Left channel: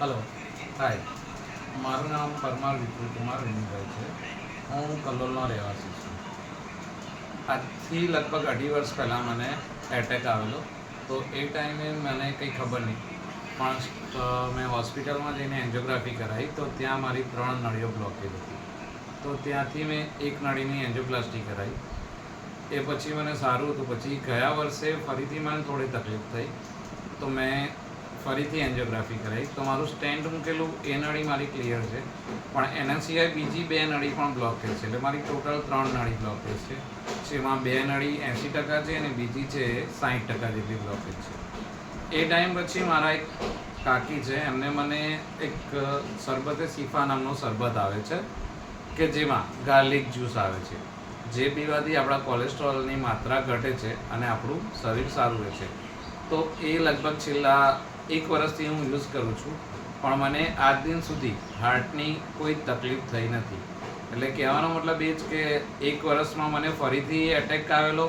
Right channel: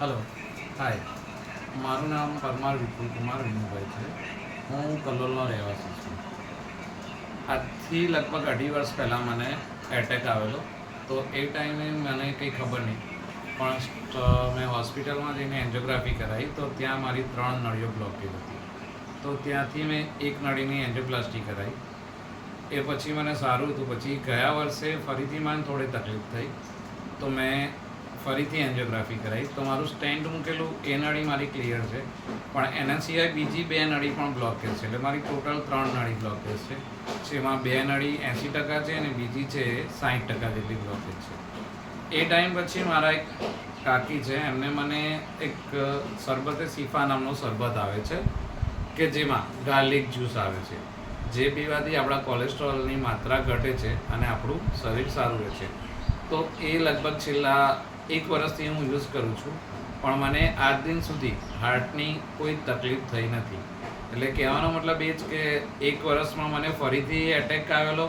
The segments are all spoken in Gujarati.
હલો, હાય. મારું નામ પરમાર વિપુલ કુમાર વિનુભાઈ છે. હું કલોલનો રહેવાસી છું. આજથી લગભગ 2.5 વર્ષ પહેલાં મને એટેક આવેલો. તો એ ટાઈમે મને કંઈ ખબર નહીં, પણ મેં હોસ્પિટલમાં જઈને એન્જિયોગ્રાફી કરાવી તો ત્યાં મારી 3 નળીઓ બ્લોકેજ હતી. તો ત્યાંથી મેં એક નળીની એન્જિયોપ્લાસ્ટી કરાવી. એ પછી મને સારું હતું. પછી ગયા વર્ષે ફરીથી મને થોડી તકલીફ થઈ, તો મેં ફરીથી એન્જિયોગ્રાફી કરાવી. તો મારું સ્ટેન્ટ મૂકેલું એ નળી મારી ક્લિયર છે, પણ એના સિવાય બીજી 2 નળી પણ બ્લોકેજ છે. એટલે મારી ટોટલ 3 નળી બ્લોકેજ છે. જેમાં 2 નળી 80% છે અને બીજી છે 60% જેટલી બ્લોકેજ છે. એ ટાઈમ પછી મારા એક કાકી છે, એમને મને એક શરબતે શિફા નામનો શરબત આવે છે કે જેમાં ગાર્લિક જ્યુસ આવે છે, જે પીવાથી આપણા કોલેસ્ટ્રોલની માત્રા ઘટે છે અને આપણું શરીર સારું રહે છે. તો એ લગભગ છેલ્લા 1 વર્ષથી હું યુઝ કરું છું, પણ મને આજ દિન સુધી હાર્ટની કોઈ તકલીફ થઈ નથી. એટલે કહેવાનો મતલબ એ જ કે 1 વર્ષમાં મને ફરીથી એટેક આવેલો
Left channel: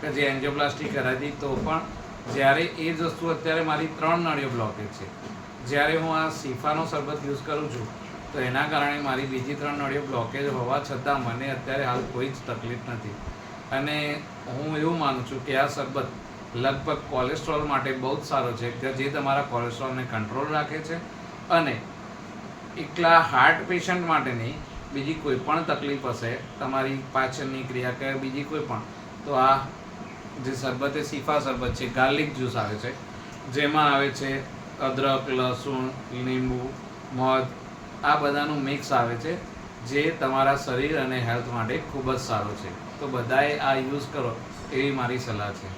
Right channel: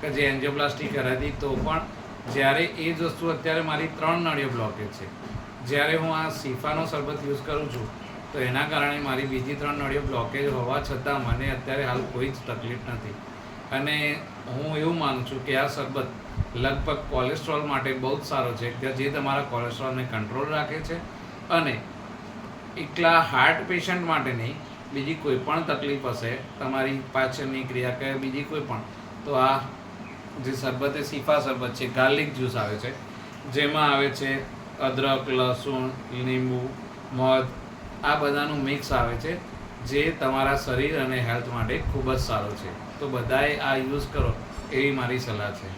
કે જે એન્જિયોપ્લાસ્ટી કરાવી, તો પણ જ્યારે એ જ વસ્તુ અત્યારે મારી 3 નળીઓ બ્લોકેજ છે. જ્યારે હું આ શિફાનો શરબત યુઝ કરું છું, તો એના કારણે મારી બીજી 3 નળીઓ બ્લોકેજ હોવા છતાં મને અત્યારે હાલ કોઈ જ તકલીફ નથી. અને હું એવું માનું છું કે આ શરબત લગભગ કોલેસ્ટ્રોલ માટે બહુ જ સારો છે, કે જે તમારા કોલેસ્ટ્રોલને કંટ્રોલ રાખે છે. અને એકલા હાર્ટ પેશન્ટ માટે નહીં, બીજી કોઈ પણ તકલીફ હશે, તમારી પાચનની ક્રિયા કે બીજી કોઈ પણ, તો આ જે શરબત એ શિફા શરબત છે, ગાર્લિક જ્યુસ આવે છે, જેમાં આવે છે અદરક, લસણ, લીંબુ, મધ, આ બધાનું મિક્સ આવે છે, જે તમારા શરીર અને હેલ્થ માટે ખૂબ જ સારો છે. તો બધાએ આ યુઝ કરો એવી મારી સલાહ છે.